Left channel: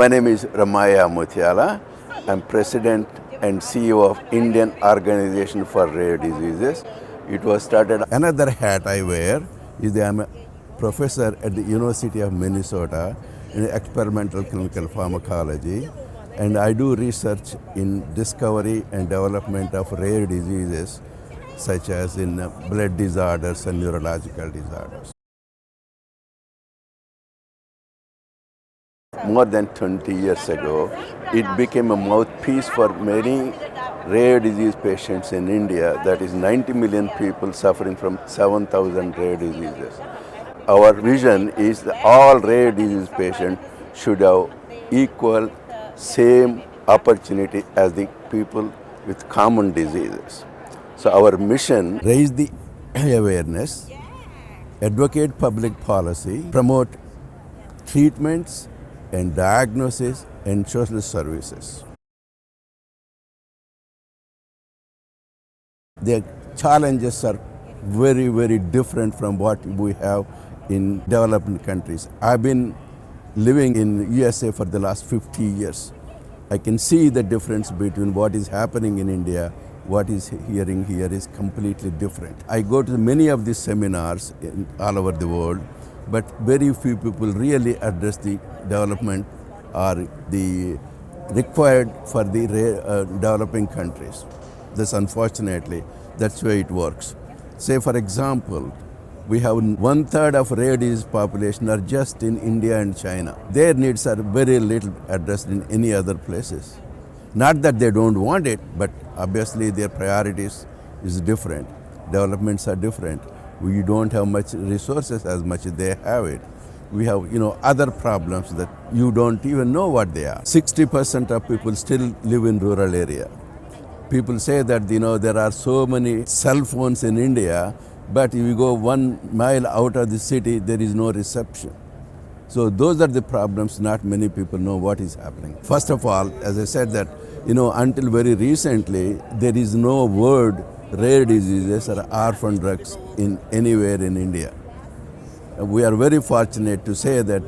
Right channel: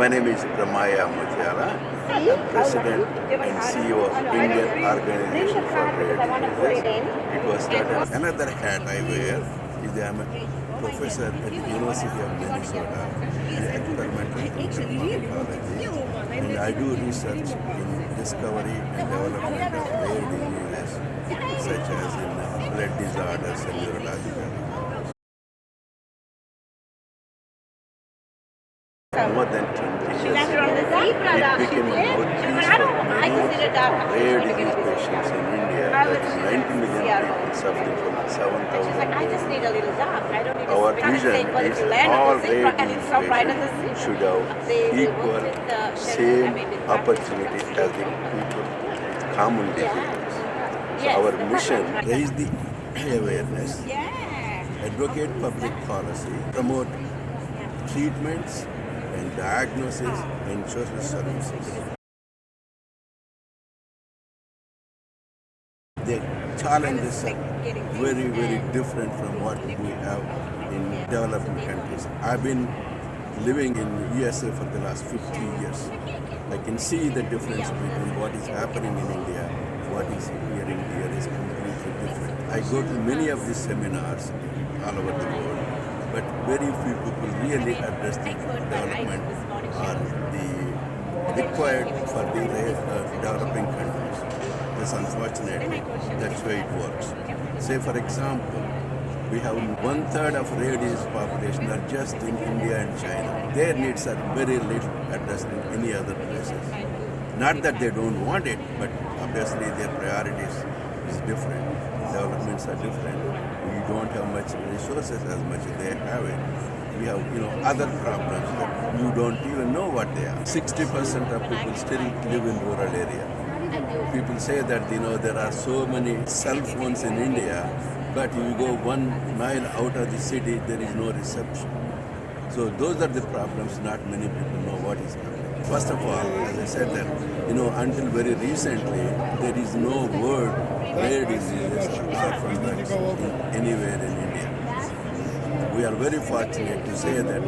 My name is Ramaiah Muthyala. I'm President and CEO of Indian Organization for Rare Diseases. It was started. Another hat I wear is I'm a professor at the University of Minnesota in experimental clinical pharmacology, and I do research in discovery and development of rare diseases such as in blood disorders and neurological disorders. More than 20 years ago, it became a mouthpiece for many rare disease patients in India. That is 90 million people suffering from 7,000 rare diseases. Our vision is that all rare disease patients should have equal, same opportunity as the people with common diseases. So our mission, raise the awareness, advocate public policy, promote treatments and diagnosis and social services. The challenges are very, very different from what we have in developing countries. I've been living in USA for the last 50 years. I can see the difference between what is happening in India, what is hearing here is completely different. I go to many of these seminars all over the world, but very few people really address the development or the required for the developing countries. This unfortunately, that's why it works. Say for example, we have 1/3 of rare disease population are just in India and China. Their needs are very little addressed in any other places. Not that they don't want it, but obviously their priorities is different. Developments are different. We don't have much resources as much as they have it. We have, other problems that you don't even know what they are. 60% of people still live in rural area. People say that, there are so many cell phones in India, but if you go 1 mile out of the city, there is no reception. So those are the problems. Not many people know what is happening. First of all, as I said that, until very recently, there is no word rare diseases or orphan drugs in anywhere in India. We are very fortunate to say that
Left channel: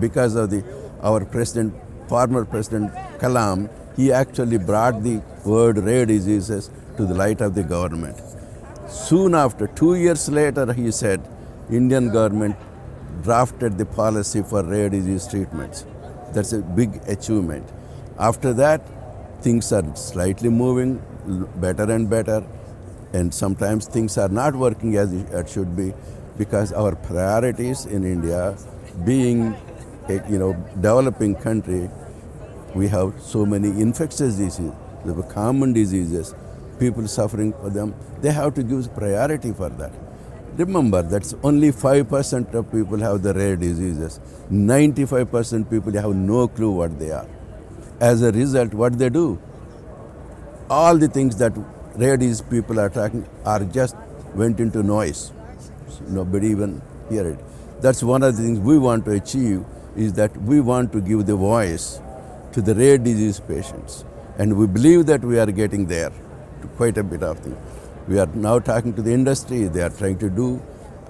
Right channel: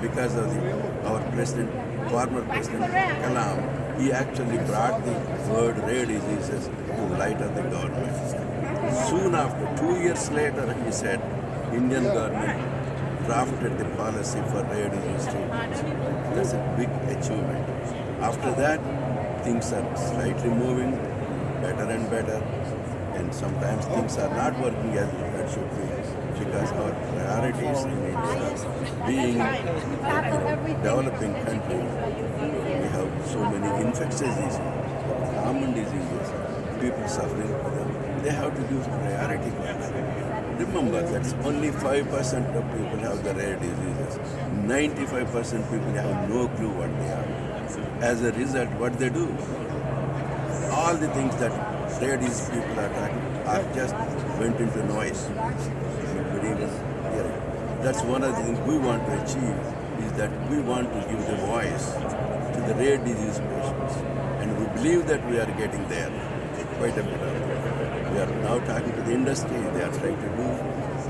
because of our president, former President Kalam, he actually brought the word rare diseases to the light of the government. Soon after, 2 years later, he said, Indian government drafted the policy for rare disease treatments. That's a big achievement. After that, things are slightly moving better and better, and sometimes things are not working as it should be because our priorities in India, being a developing country, we have so many infectious diseases, common diseases, people suffering for them. They have to give priority for that. Remember, that's only 5% of people have the rare diseases. 95% people have no clue what they are. As a result, what they do? All the things that rare disease people are talking are just went into noise. Nobody even hear it. That's one of the things we want to achieve, is that we want to give the voice to the rare disease patients. And we believe that we are getting there, quite a bit of it. We are now talking to the industry. They are trying to do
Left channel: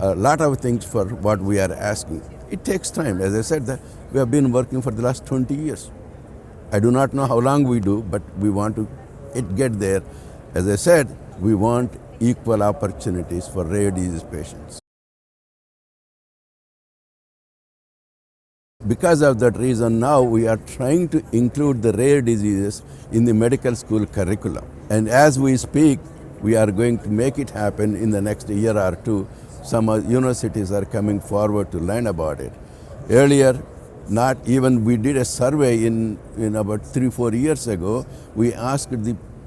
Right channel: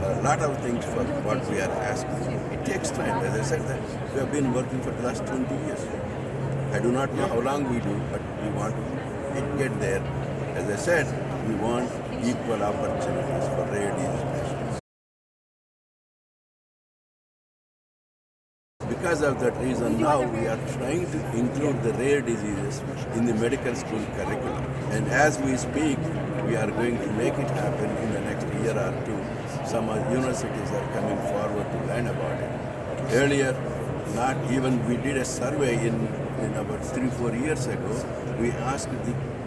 a lot of things for what we are asking. It takes time. As I said, that we have been working for the last 20 years. I do not know how long we do, but we want to get there. As I said, we want equal opportunities for rare disease patients. Because of that reason, now we are trying to include the rare diseases in the medical school curriculum. And as we speak, we are going to make it happen in the next year or two. Some universities are coming forward to learn about it. Earlier, not even we did a survey in about 3-4 years ago. We asked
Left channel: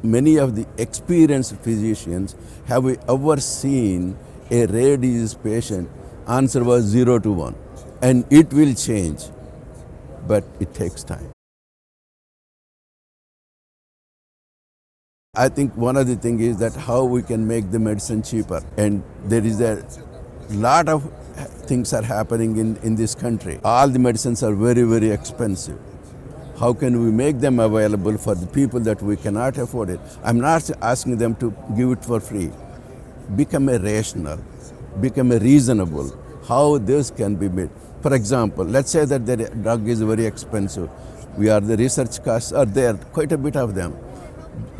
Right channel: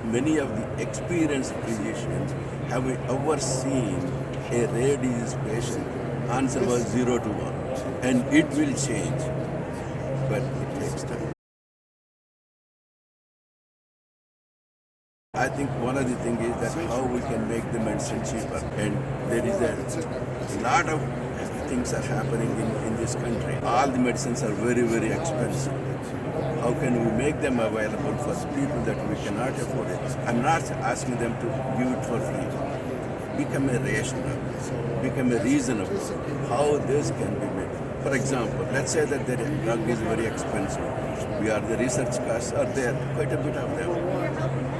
many of the experienced physicians, have we ever seen a rare disease patient? Answer was 0 to 1. And it will change, but it takes time. I think one of the things is that how we can make the medicine cheaper. And there is a lot of things are happening in this country. All the medicines are very, very expensive. How can we make them available for the people that we cannot afford it? I'm not asking them to give it for free. Become a rational, become a reasonable, how this can be made. For example, let's say that the drug is very expensive. The research costs are there, quite a bit of them.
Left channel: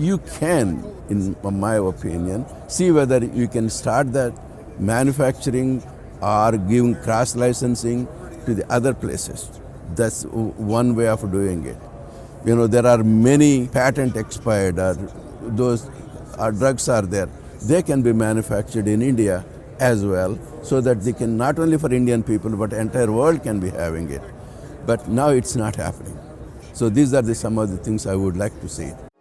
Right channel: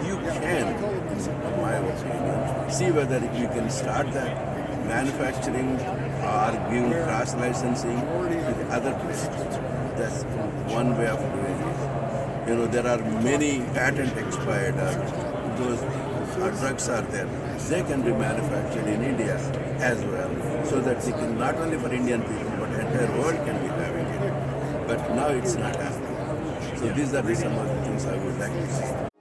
You can, in my opinion, see whether you can start the manufacturing or give cross licensing to the other places. That's one way of doing it. There are many patent expired, or those drugs are there. They can be manufactured in India as well, so that they can, not only for Indian people, but entire world can be having it. But now it's not happening. So these are some of the things I would like to say.